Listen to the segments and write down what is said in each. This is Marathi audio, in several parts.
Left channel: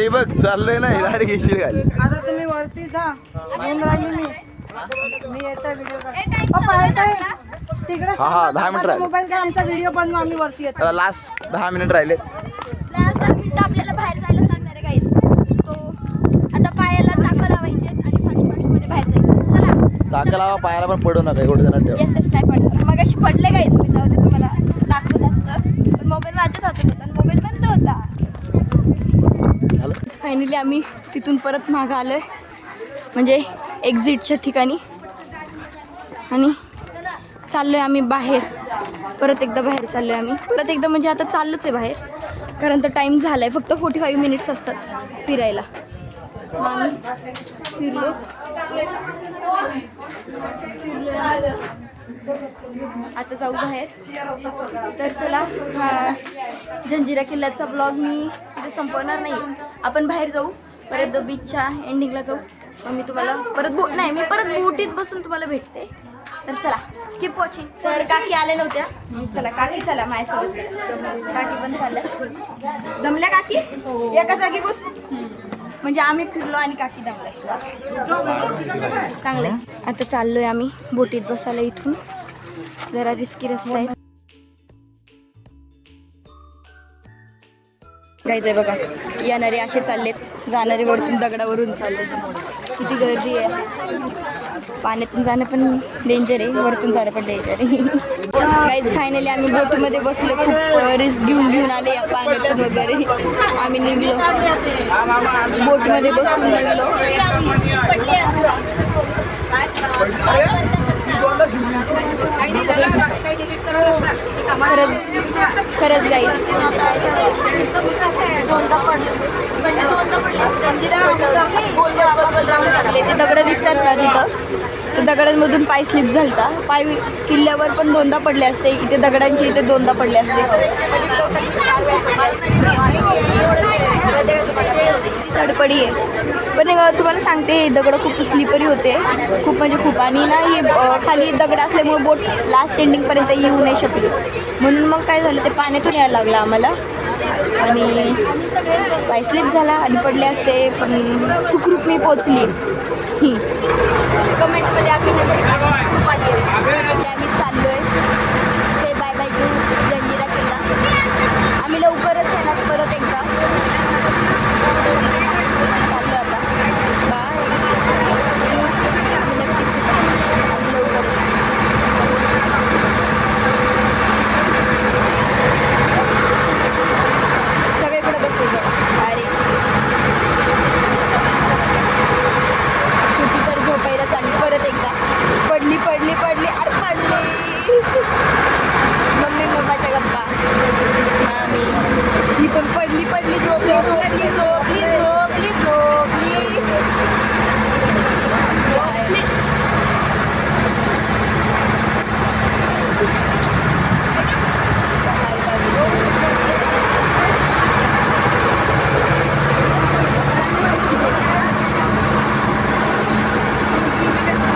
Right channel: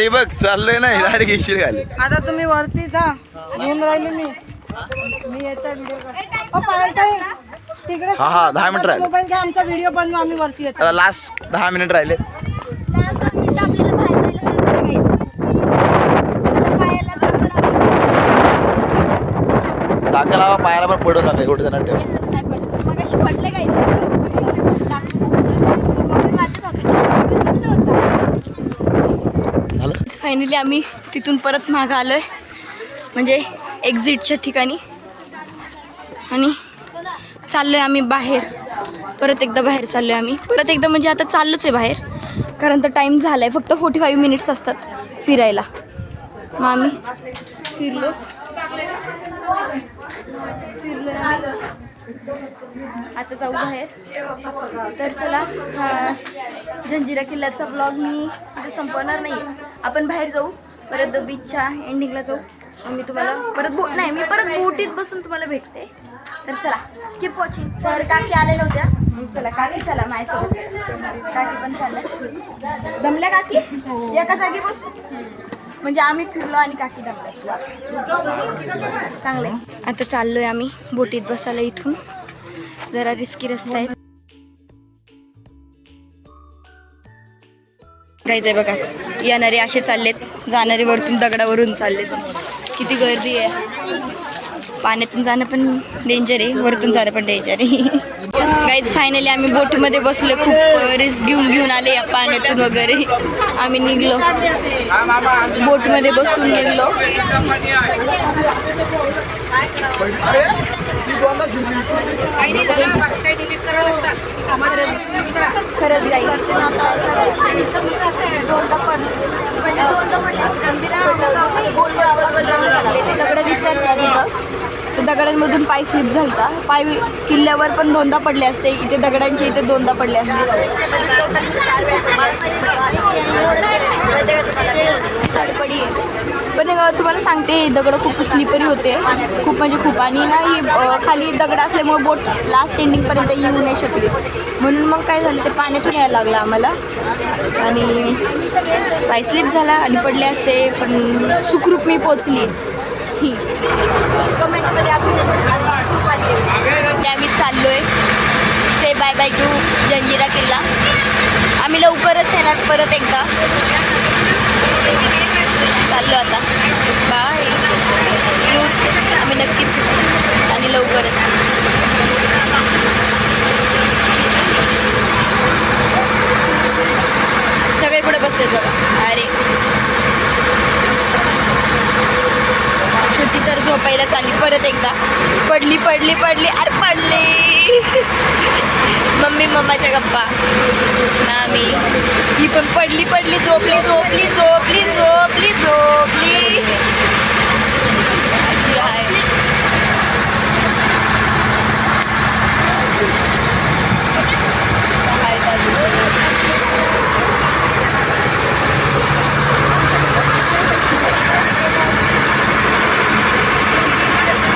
खाली बघ चाललोय ना डायरेक्ट येशील खाली. आता तुम्ही वरती जा. येऊन राहिली मी येता व्हिडिओ तिकडे. हा 10 मिनिट राहिले. मोबाईल घ्या आमचा व्हिडिओ बनवू आम्ही वरती येतो. त्याला लास्ट 10 मिनिट राहिले. लास्ट 10 मिनिटं आपल्याला बाहेर जायला सांगणार गाईस. आता पायाला चाकं लावायची. चला चाकं लावा पायाला पण पडू नका एवढं जण ठेवा. येसच नाही पण मग अशी पडले गाईस. तुम्हाला दाखवलं असतं मोबाईल माझ्याच हातात मोबाईल बंद होता. झालं फायनली आम्ही तिथून परत मागं आलोय म्हणजे एक्झिटच्या ठिकाणी आणि चाललोय आम्ही बाहेर. परत एकदा बाहेर चाललोय आम्ही. परत एकदा म्हणजे आता चाललोच आहे बाहेर कारण तर टाईम झाला आहे. फक्त 45 मिनिट्स असतात फिरायला. मग आम्ही फिरलो आता जाऊ बाहेर. तर चला हा जंजिरा किल्ल्याचा ब्लॉग मी इथे संपवणार नाही. आपण बाहेर जाऊ परत बीचच्या एंडिंगला जाऊ. मग मी तुम्हाला परत मी परत बोटीत बसून तुम्हाला भेटते. तर चला कीप वॉचिंग. तर काकी आल्या नव्हत्या. चला काकी चला माझ्यासोबत चला. काकी पण चालल्या. दमल्या काकी एका जागी बस म्हणजे आम्ही फिरलो आणि काकी दमल्या. चांगलंय. आता चाललोय आम्ही बोटीत बसायला. इथून जरा रिस्की रस्ता आहे. जायचंय बघा. येणारे असे चाललेत जाणारे वरतून दगडावरून चाललेत. किती गर्दी आहे. पाण्यातून जाणं पण डेंजर आहे वरतून जाणं पण डेंजर आहे. गाईज फायनली आम्ही बोटीमध्ये बसले. खूप रिस्क घेऊन आले या पाण्यातून वगैरे. आम्ही निघलो बोटमध्ये बसून निघलो. खरंच गाईज दोनदा पडले म्हणजे दोनदा पडले. ते दगड दिसतात का तिथं. तर दगडांमधून पाय स्लिप झालता. पाय किल्ल्यावर पण दोनदा पडले असते. इथे दगडांचे इथे दोनदा पडले असते. धडपडी आहे पण तुम्हाला सांगते दगड खूप स्लिपरी होते. खूप म्हणजे खूप. आणि ना ही खाली दगड असल्यामुळे बोट लास्ट एंडिंगपर्यंत येऊ नाही शकली. म्हणून मग काय झालं ते पाण्यातून यायला लागलं आम्हाला आणि पाय स्लिप झाला आणि पडले असते. पण सुखरूप मी पोचली. कमेंटमध्ये सुखरूप आली आहे. आम्ही चाललोय से बाय बाय टू जंजिरा किल्ला. आम्ही लवकरच येणार परत एकदा. चाललो आता बाय. आम्ही नक्कीच येऊ आणि लवकरच. सगळे कुठे बसलेत बघा. अरे श्रुती तर झोपायला चालली परत एकदा. पडली अरे पडली. मम्माच्या गप्पा. मामी ही पण पडली झोपली. आहे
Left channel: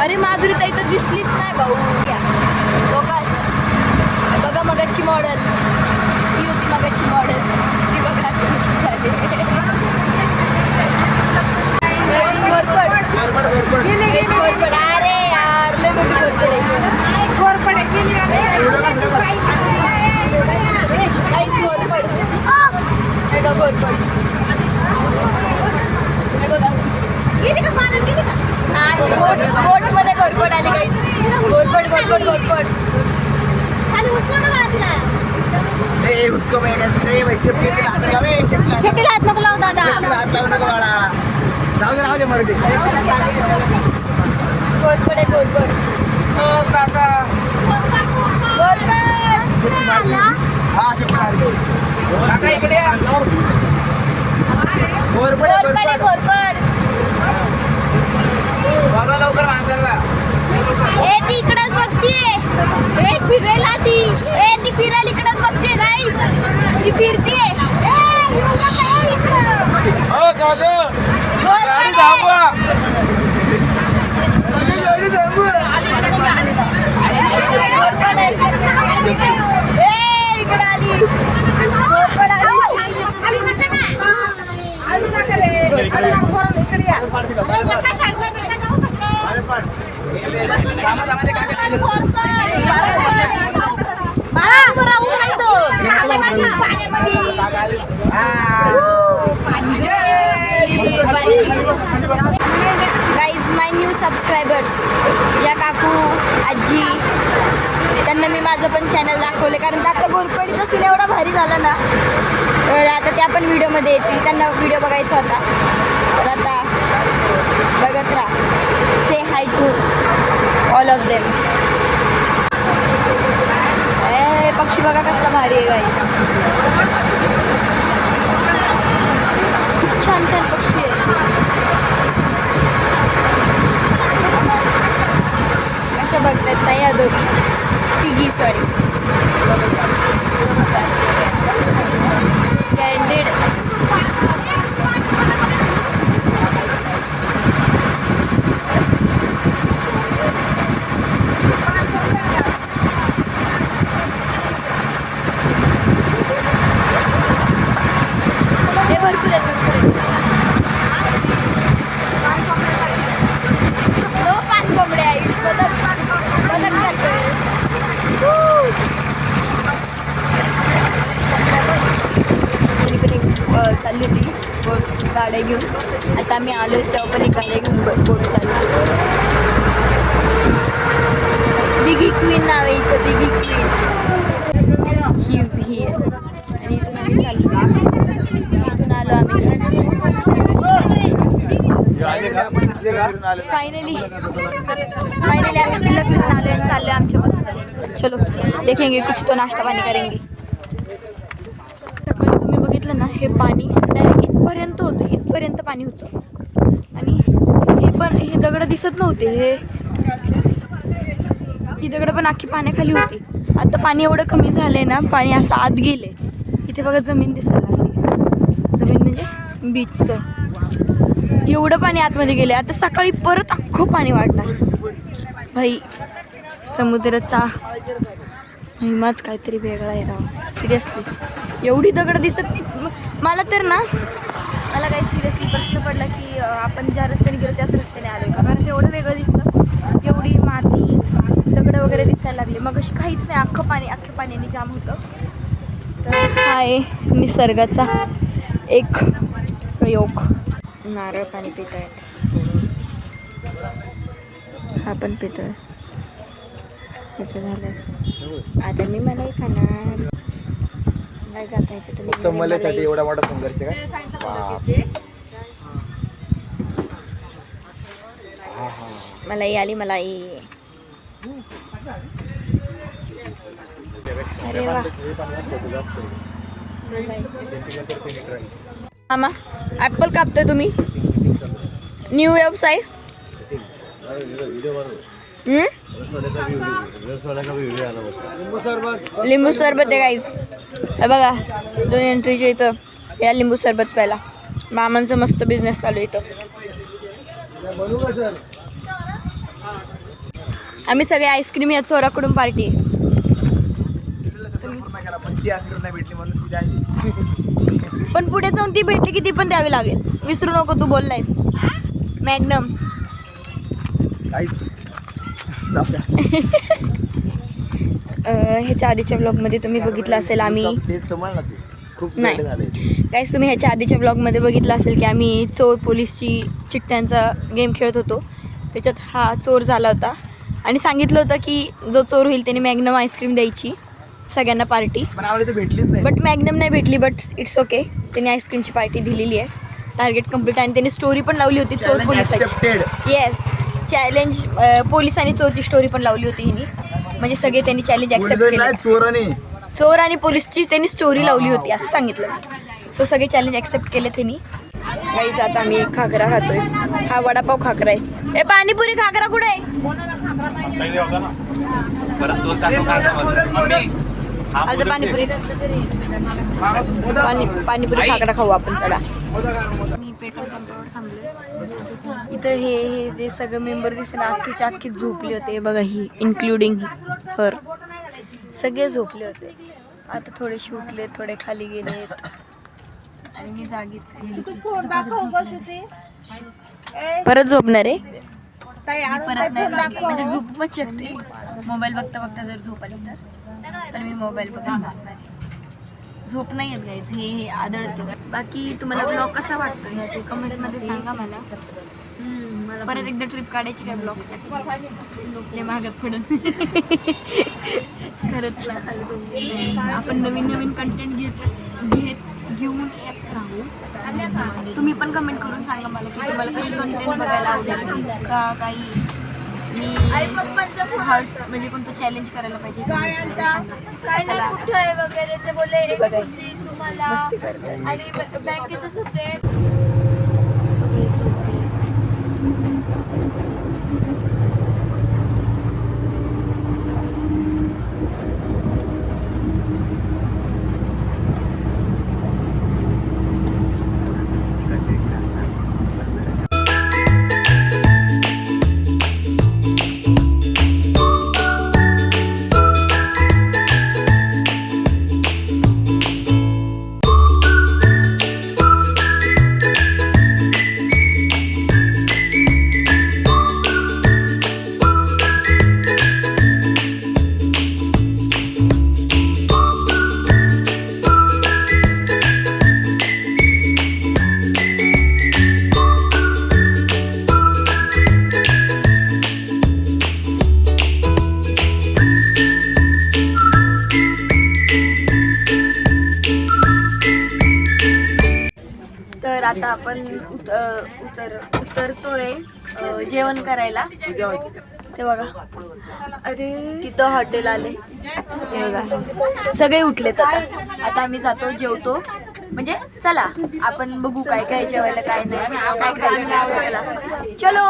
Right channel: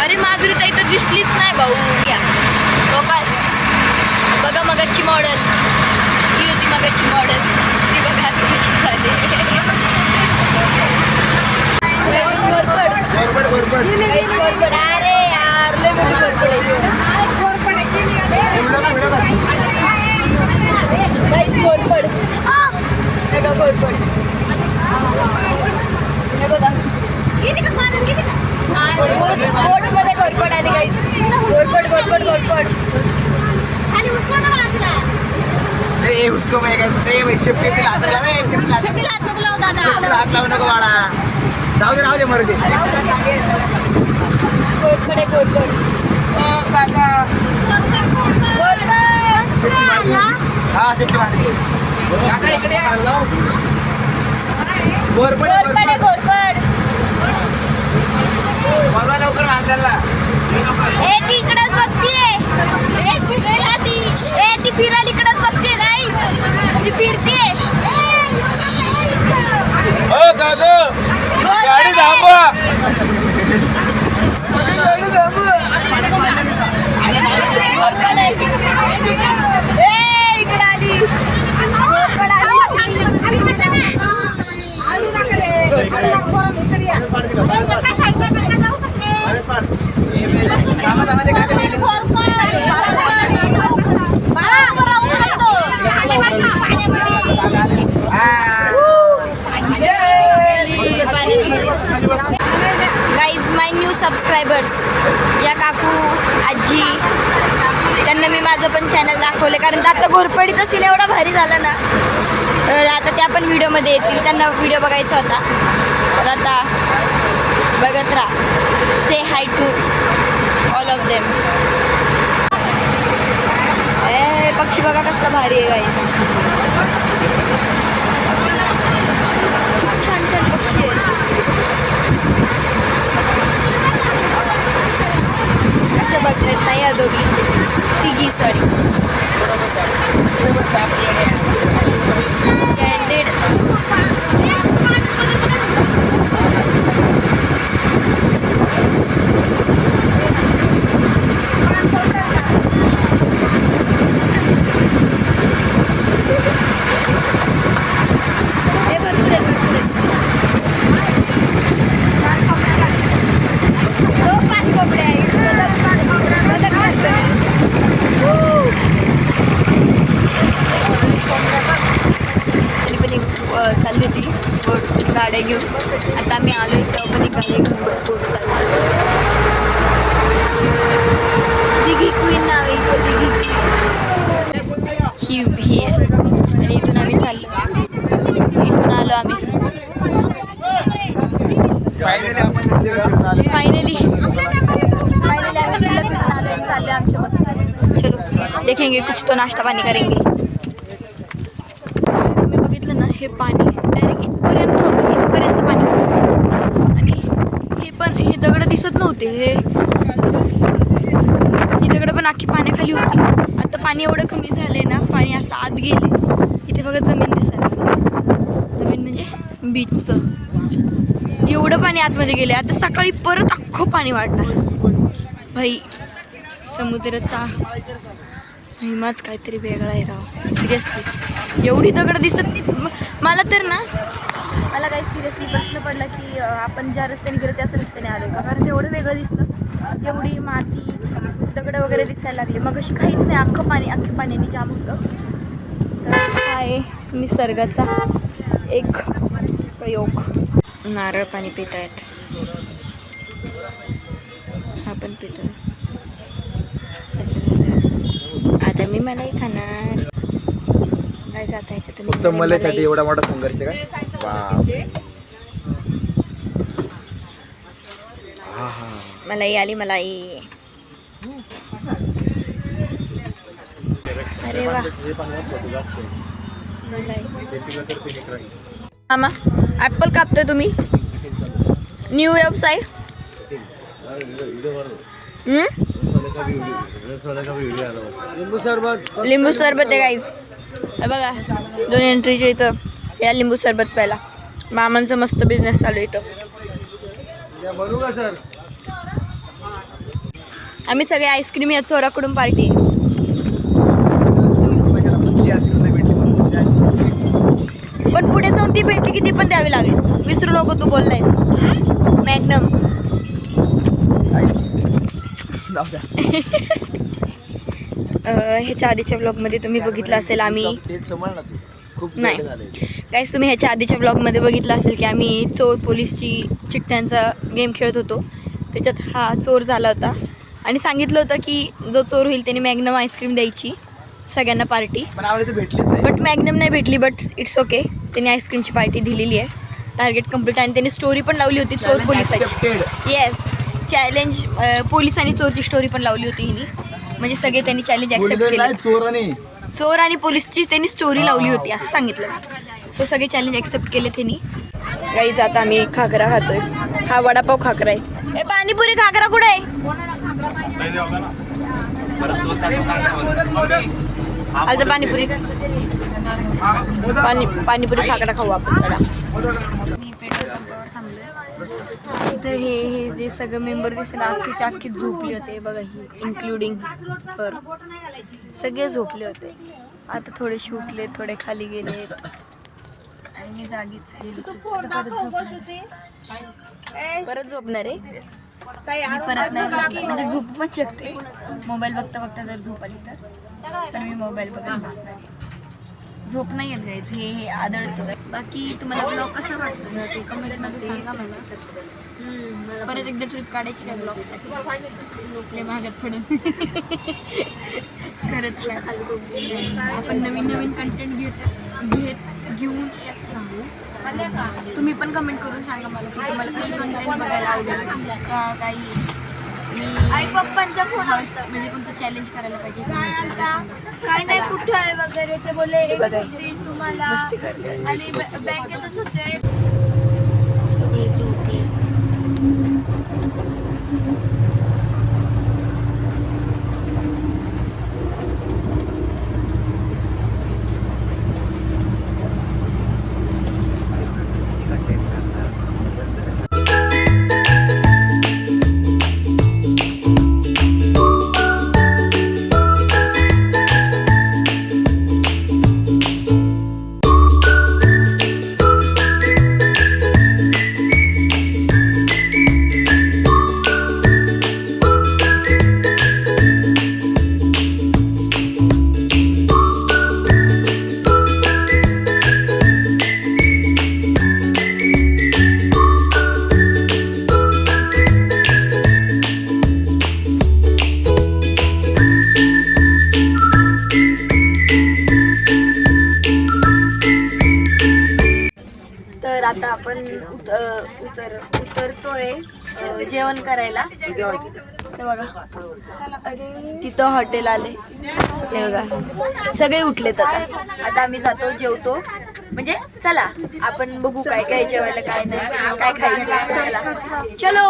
अरे माधुरी ताई तर दिसलीच नाही भाऊ. बघा मगाची मॉडेल. ती होती मगाची मॉडेल. ती बघा कशी झाली. घोरपड. अरे यार लय मोठी घोरपड आहे. घोरपड हे बघा घोरपड. हे बघा बोटमध्ये घोरपड आली गाईस. घोरपड. उसको मैं सेफ्टी हात नको लावू दादा. हात लावू नको बाळा. जाऊ दे मरू दे. घोरपड. हा सेफ्टी मारते. इकडे घोरपड. लवकर माणसाला. ए ती इकडेच बघतीये. फिरायला ती फिरायला इकडेच बघतीये गाईस. ती फिरतीये. इकडे आली. गाईज माय न्यू सबस्क्रायबर्स, या काकू आजी त्यांना मी माझं पण चॅनल दाखवले, कारण आता घोरपडीचा सीन एवढा भारी झाला ना, तर आता त्या पण व्हिडिओमध्ये येतील. त्यांना व्हिडिओ बघायचा होता, तर आता बघत राहा. से हाय टू ऑल ऑफ देम. पक्षी बघा कसला भारी आहे गाईज, खूप छान छान पक्षी आहेत. अशा बघतायत नाही या दोघी तिघी सॉरी चालली होती बोट गाड्या घेऊन. आता आम्ही आलो तेव्हा पण एक गाड्या घेऊन बोट चालली. दिघी क्वीन नाव आहे इथं, दिघी क्वीन ही आहे. आणि इथून आम्ही चाललो, इथून आलो आम्ही. फायनली आम्ही किल्ला फिरून आलो आणि चाललो आमच्या बसमध्ये. चलो देखेंगे कुछ तो नाश्ता पाणी करेंगे. तुम्ही बघितलं ना, हे पाणी डायरेक्ट इथपर्यंत होतं, इथपर्यंत पाणी होतं. आणि हे दगड दिसत नव्हते, ही दगड पण अख्खी पाण्याखाली होती. आता पाणी एवढं कमी झालंय ना, पाणी असं आत गेले. इथे बघा जमीन दिसायला लागली, जमीन म्हणजे बीचचं. एवढं पाणी आतमध्ये गेले. आता सकाळी परत अख्खं पाणी वाढणार. भाई समुद्राचा हिमाच काहीतरी वेगळा आहे राव, सिरियसली. एवढी दगड दिसत नाही मला तर ना. मला काही सिरियसली प्रश्न पडला की आपण ज्या रस्त्याने गेलो त्याच रस्त्याने आलो का, कारण ते एवढं वेगळं दिसलं. एवढी माती दगड वगैरे दिसायला लागली. मग अशी काहीच नाही, अख्ख्या पाण्याने जाम होतं. तर हा आहे निसर्गाचा एक प्रयोग. नारळ पाणी पित आहेत, हा पण पितोय. आता मी मलाई खाणार. नाही जाता ह्याच्यातून मलासाठी एवढा मोठा संघर्ष काय. मलाई आली मलाई. अरे वा मामा ॲपल कापतोय तुम्ही. न्यू व्यवसाय. लिंबू सरबत आहे गाईज. बघा 2 एंट्रीच्या इथं या लिंबू सरबत प्यायला. मामांचा मस्त बिझनेस चालू आहे इथं. बनवू का सर? आम्ही सगळे आईस्क्रीम या चोराकडून पार्टी आहे. पण पुढे जाऊन ती भेटली की ती पण द्यावी लागेल. विसरू नको तू बोललायस. मॅग्नम ह्याच्या आधीच्या ब्लॉगमध्ये तुम्ही बघितलं असेल आम्ही नाही काहीच तुम्ही ह्याच्या आधीच्या ब्लॉगमध्ये बघितलं असेल की आम्ही चोर पोलीसची चिठ्ठ्यांचा गेम खेळत होतो. त्याच्यात हा चोर झाला होता आणि सांगितलं होतं की जो चोर होईल त्याने मॅग्नम आईस्क्रीम द्यायची सगळ्यांना पार्टी. बट मॅग्नम नाही भेटली. बट इट्स ओके, त्याने आईस्क्रीमची पार्टी दिलेली आहे. Target complete. आणि त्याने स्टोरी पण लावली होती चोर पोलिसाची. येस, चॅलेंज पोलीस आणि चोरची स्टोरी पण लावली होती हिने. म्हणजे सगळे त्यांनी चॅलेंज ॲक्सेप्ट केले. चोर आणि पोलीसची त्यांनी स्टोरी लावली होती असं सांगितलं मी. सो सगळे चॅलेंज ॲक्सेप्ट केले त्यांनी. गाईज आता आम्ही खाकरा खातोय. हा वडापाव खाकरा आहे. पाणीपुरी खाकरा कुठे आहे? आता पाणीपुरी पाणीपुरी खाकरा खाऊ आपण. चला मी पेट्रोल पंपावर थांबलोय. इथं हे जे सगळे मेंबर दिसते ना अख्खीच्या अख्खी झोपले होते बघा. ही इन्क्लुडिंग ही तर सगळे झोपले होते. आता थोडेसे उठले, थोडे खाली गेलेत आणि मी जागीच आहे. परत झोपणार आहे मी, परत नाही झोपणार. म्हणजे झोपू पण शकते मोबाईल बघता बघता, जर झोप आली तर. पण मी मोबाईल बघत बसणार आहे. झोप नाही येत जायचं, हे आदळतं. बाकी तुम्हाला ब्लॉग कसा वाटतो ना ते कमेंटमध्ये सांगा मला. परत एकदा ट्रिप काढायची काय ब्लॉगसाठी, लय महागात पडून. खरंच ना, आपण नवीन नवीन कंटेंट घेऊन येत राहू. तुम्ही पण कमेंट करून सांगा मला की तुम्हाला कशी कंटेंट बघायला आवडेल का, काही मी हर्ष म्हणजे कोणतं चॅलेंज करायला पाहिजे वगैरे ते बोलले मस्ती करतात. सगळे झोपले. तर आता आपण उतरतोय जेवण करायला. ते बघा, अरे तिथं हॉटेल आले. हे बघा सगळे उठलेत. आता आम्ही जातो, जेवतो. म्हणजे चला आपण बघू काय काय जेवायला, काय नाही, काय खायचं. चला चलो.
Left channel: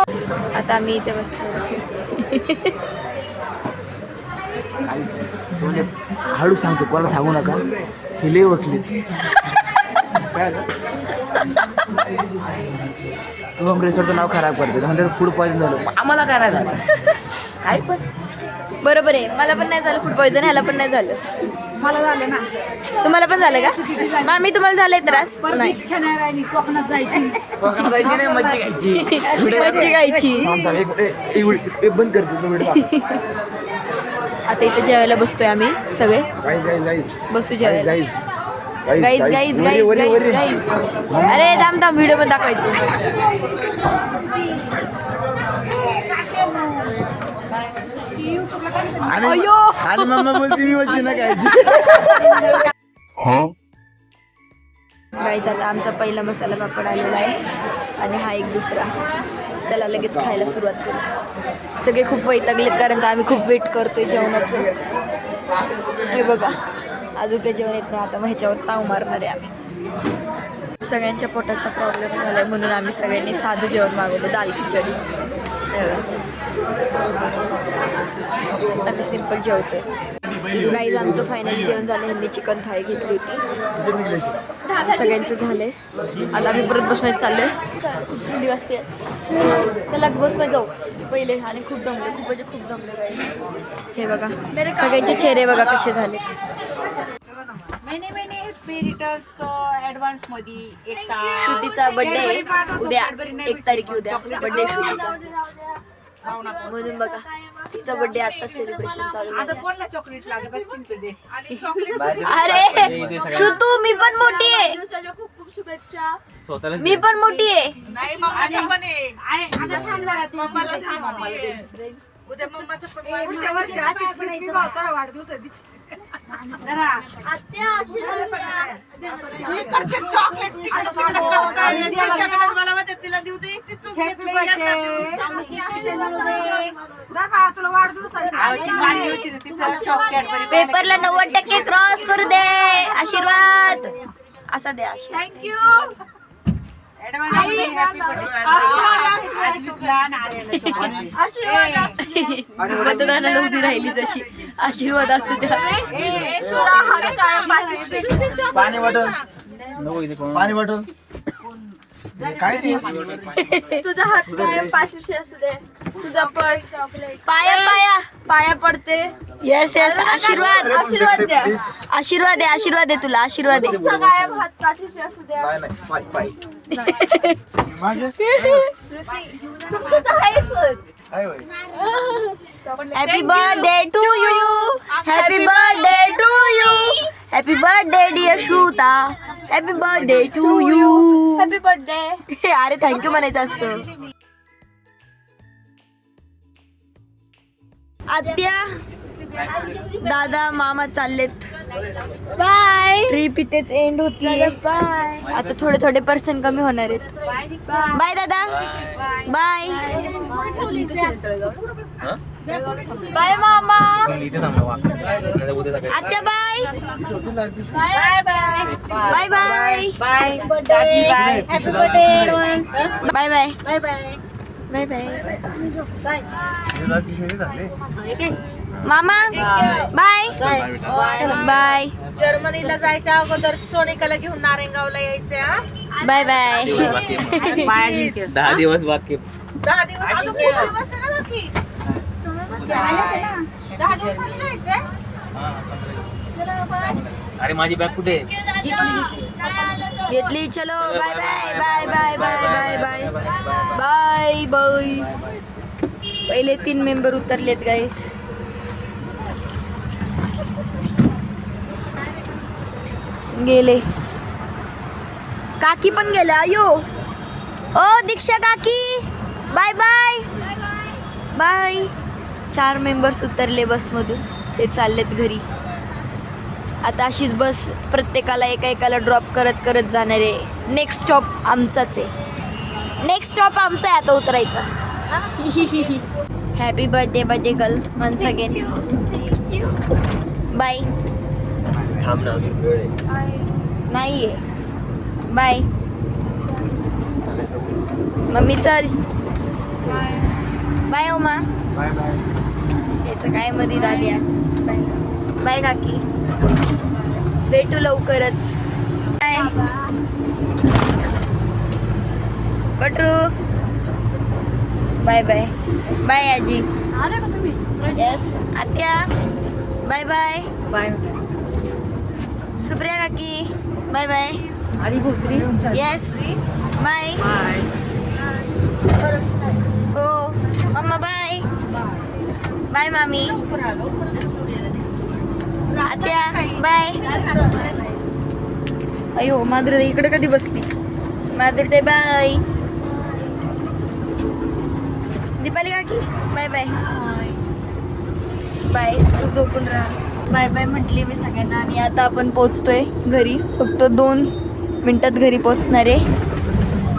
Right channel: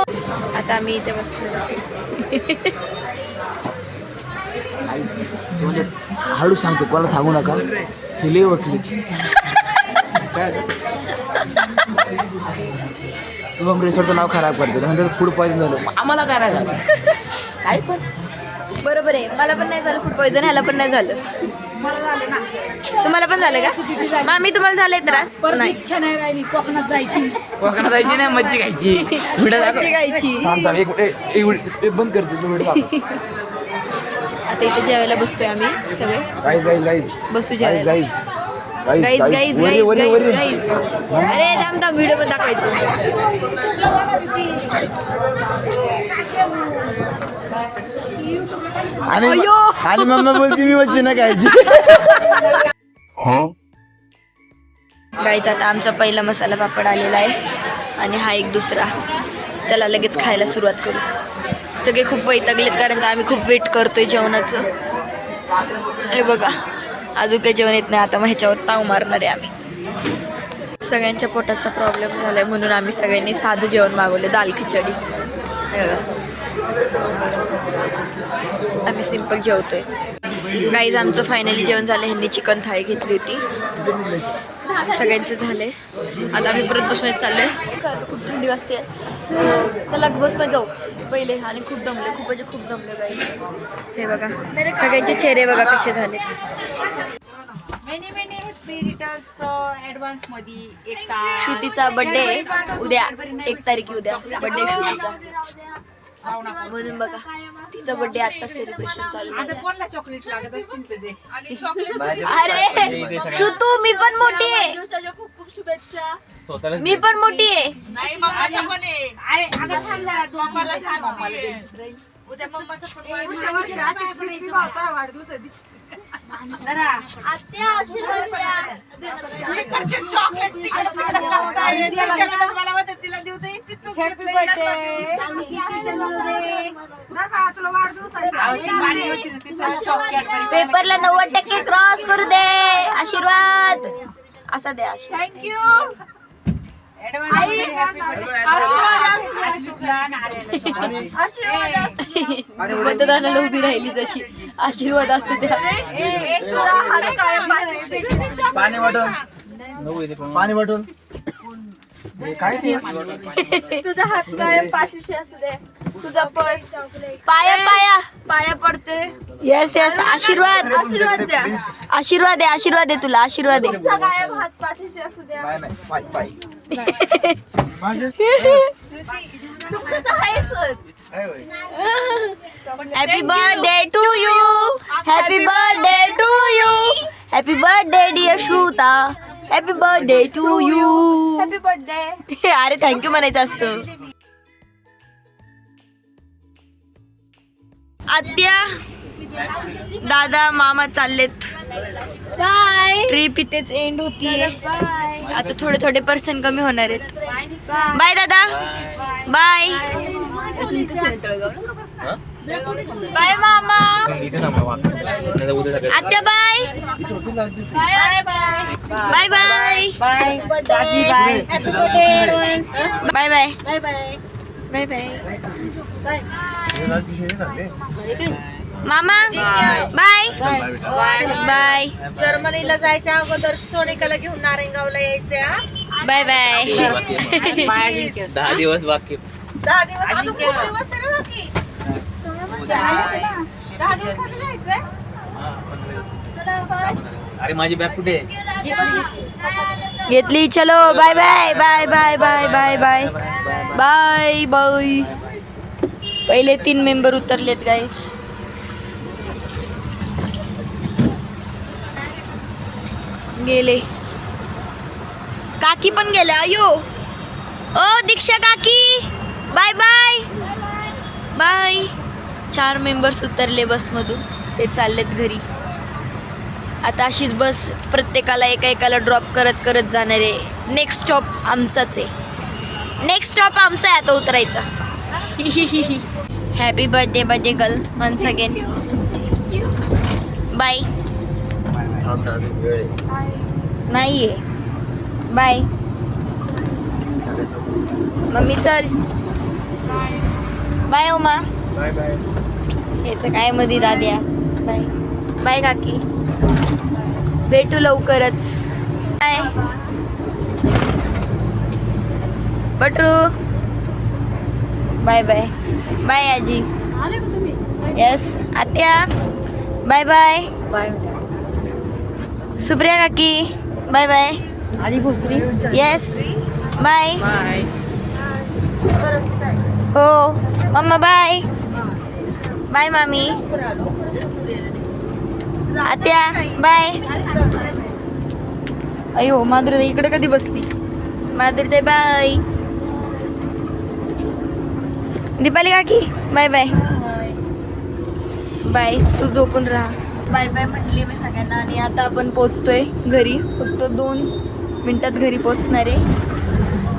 आता आम्ही इथे बसलो. म्हणजे हळू सांगतो, कोणाला सांगू नका. हे लय वकली शुभम रिसॉर्टचं नाव खराब करते, म्हणजे फूड पॉइझन झालं. आम्हाला काय नाही झालं, काय पण बरोबर आहे. मला पण नाही झालं फूड पॉइझन, ह्याला पण नाही झालं. तुम्हाला पण झालं का मामी? तुम्हाला झालंय त्रास? नाही. कोकणात जायची नाही, मच्छी खायची. मच्छी खायची. बंद करते व्हिडिओ. आता इथे जेवायला बसतोय आम्ही सगळे. बसू जेवायला. Guys guys guys guys guys. अरे थांब थांब, व्हिडिओ पण दाखवायचे. आणि मम्मा बोलते मी मच्छी नाही खायची. गाईज आता आमचा पहिला मसाला पापड आलेला आहे आणि हा एक दुसरा. चला लगेच खायला सुरुवात करू. सगळे खूप वैतागलेत कारण का आम्ही खूप वेट करतोय जेवणाचं. हे बघा अजून काही जेवण येत नाही. आता मग ह्याच्यावर ताव मारणार आहे आम्ही. सगळ्यांच्या पोटाचा प्रॉब्लेम झाला आहे म्हणून आम्ही सगळ्यांनी साधं जेवण मागवलं, दाल खिचडी. हे बघा आम्ही सिंपल जेवतोय. गाईज आमचं फायनली जेवण झालं. ह्यांनी चिकन थाळी घेतली होती. सगळ्यांचं झालंय. आता आम्ही परत बसमध्ये चाललोय. खूप थंडी वाजते. चला बसमध्ये जाऊ पहिले. आणि खूप दमले, खूप म्हणजे खूप दमले गाईज. हे बघा सगळ्यांचे चेहरे बघा कसे झाले. श्रुतीचा बर्थडे आहे उद्या, 1 तारीख उद्या बर्थडे श्रुतीचा. म्हणून बघा तिचा बर्थडे आता सेलिब्रेशन चालू आहे. अरे श्रुतू मी पण मोठी आहे. खूप खूप शुभेच्छा. मी पण मोठी आहे. उद्या मम्माचा वाढदिवस आहे. पेपरला 90% क्रॉस करू दे. आशीर्वाद असा द्या. थँक्यू. मतदानाला उभी राहिली तशी. आशीर्वाद असू द्या. पाणी बॉटल, पाणी बॉटल काय ते. तुझा हात कायम पाठीशी असू दे. तुझा पण पाया पाया पाया पडते. Yes yes. आशीर्वाद आशीर्वाद द्या. आशीर्वाद आहे. आशीर्वाद आहे तुला. आशीर्वाद आहे. नाही नाही पाय पाय happy birthday to you. Happy birthday to you. Happy birthday dear Shruta. Happy birthday to you. Happy birthday. अरे थँक्यू म्हणायचं असतं. आत्या दादा मामा चाललेत. बाय. ट्रिप इथेच एंड होतीये. आता थोडे थोडे पर्सन कमी होणार आहेत. बाय दादा. बाय. बाय मामा. आत्या bye. Bye bye. Bye bye. Bye bye. Bye bye. Bye bye. मामा बाय. बाय. जर्मनीला जायच्या अगोदर सोनिकाला घेऊन नारायणगावला यायचे. Bye bye. 10 दिवस बाकी. 10 दिवस अजून खूप दिवस आहे ना बाकी. 10 दिवसांनी जायचंय. चला बाय. अरे माझी बॅग कुठे घेतली. चलो bye bye. Bye bye. Bye bye. Bye bye. Bye. पहिले 3 मेंबर उतरलेत गाईस. गेले. काकी पण गेल्या. अयो ओ दीक्षा काकी. Bye bye. बाय. 4 मेंबर्स उतरले बसमधून. ते चाललेत घरी. आता अशीच बस प्रत्येकाला एका एकाला ड्रॉप करत करत जाणार आहे. नेक्स्ट स्टॉप आमचाच आहे. नेक्स्ट स्टॉप आमचा आहे आता उतरायचा. Happy birthday birthday girl once again. Bye. नाही आहे. बाय. मम्मी चल. बाय ओमा. Bye bye. याचं काय मध्ये दाद्या. बाय. बाय काकी. भेटू लवकरच. बाय. बटरू. Bye bye. बाय आजी. येस आत्या. Bye bye. सुप्रिया काकी. Bye bye. आधी भोसरी. Yes bye. हो मम्मा बाय. बाय मामी. आत्या बाय. अयो माधुरी इकडे कधी बसली. माधुरी बाय. दीपाली काकी बाय बाय. बाय. तू झोपून राहा. बाय बाय म्हटली मी सगळ्यांना. आणि आता आपण पोचतोय घरी. फक्त 2 मिनिटात घरी पोचणार आहे.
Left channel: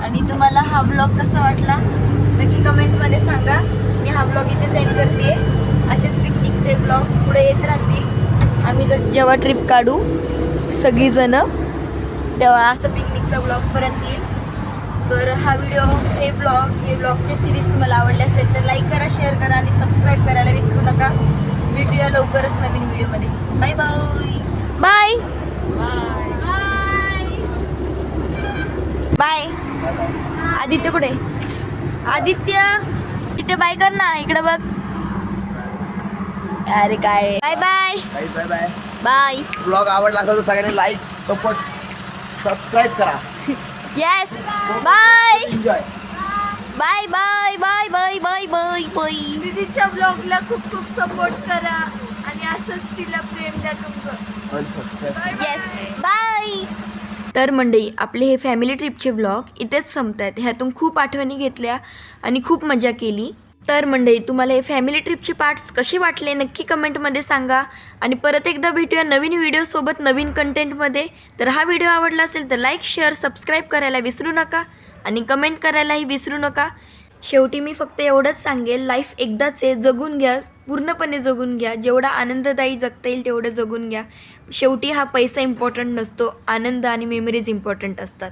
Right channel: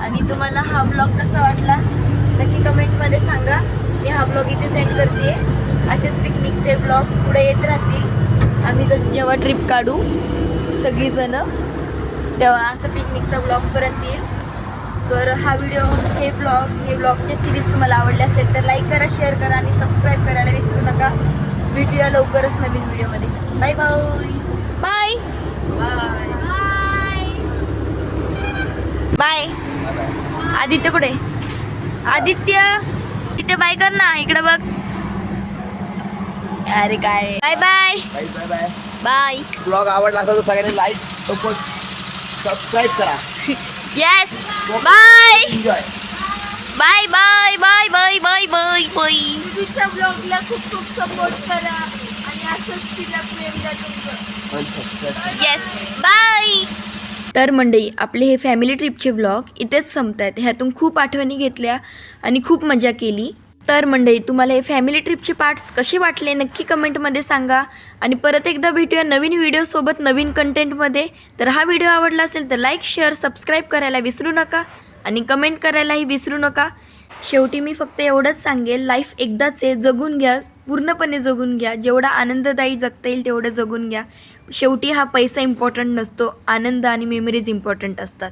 आणि तुम्हाला हा ब्लॉग कसा वाटला नक्की कमेंटमध्ये सांगा. मी हा ब्लॉग इथे सेंड करते. असेच पिकनिकचे ब्लॉग पुढे येत राहतील. आम्ही जेव्हा ट्रिप काढू सगळीजणं तेव्हा असं पिकनिकचा ब्लॉग परत येईल. तर हा व्हिडिओ हे ब्लॉगचे सिरीज तुम्हाला आवडले असेल तर लाईक करा, शेअर करा आणि सबस्क्राईब करायला विसरू नका. भेटूया लवकरच नवीन व्हिडिओमध्ये. Bye bye. बाय. आदित्य कुठे. आदित्य तिथे बाय कर ना. इकडे बघ. अरे काय. Bye bye. Bye bye. Bye. Blog आवडला असेल तर सगळ्यांनी लाईक सपोर्ट सबस्क्राईब करा. Yes bye. Enjoy. Bye bye. Bye bye. Bye bye. Bye. दीदीच्या ब्लॉगला खूप खूप सपोर्ट करा आणि असंच तिला प्रेम द्या तुमचं. Yes bye. तर मंडळी आपले हे फॅमिली ट्रिपचे व्लॉग इथेच संपत आहेत. ह्यातून खूप आठवणी घेतल्या आणि खूप मजा केली. तर मंडळी तुम्हाला हे फॅमिली ट्रिपचे पार्ट्स कसे वाटले नक्की कमेंटमध्ये सांगा. आणि परत एकदा भेटूया नवीन व्हिडिओसोबत नवीन कंटेंटमध्ये. तर हा व्हिडिओ आवडला असेल तर लाईक शेअर सबस्क्राईब करायला विसरू नका आणि कमेंट करायलाही विसरू नका. शेवटी मी फक्त एवढंच सांगेल, लाईफ एकदाच आहे, जगून घ्या, पूर्णपणे जगून घ्या. जेवढा आनंददायी जगता येईल तेवढं जगून घ्या. शेवटी हा पैसा इम्पॉर्टंट नसतो, आनंद आणि मेमरीज इम्पॉर्टंट असतात.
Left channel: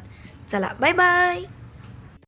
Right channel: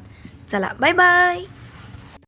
चला बाय बाय.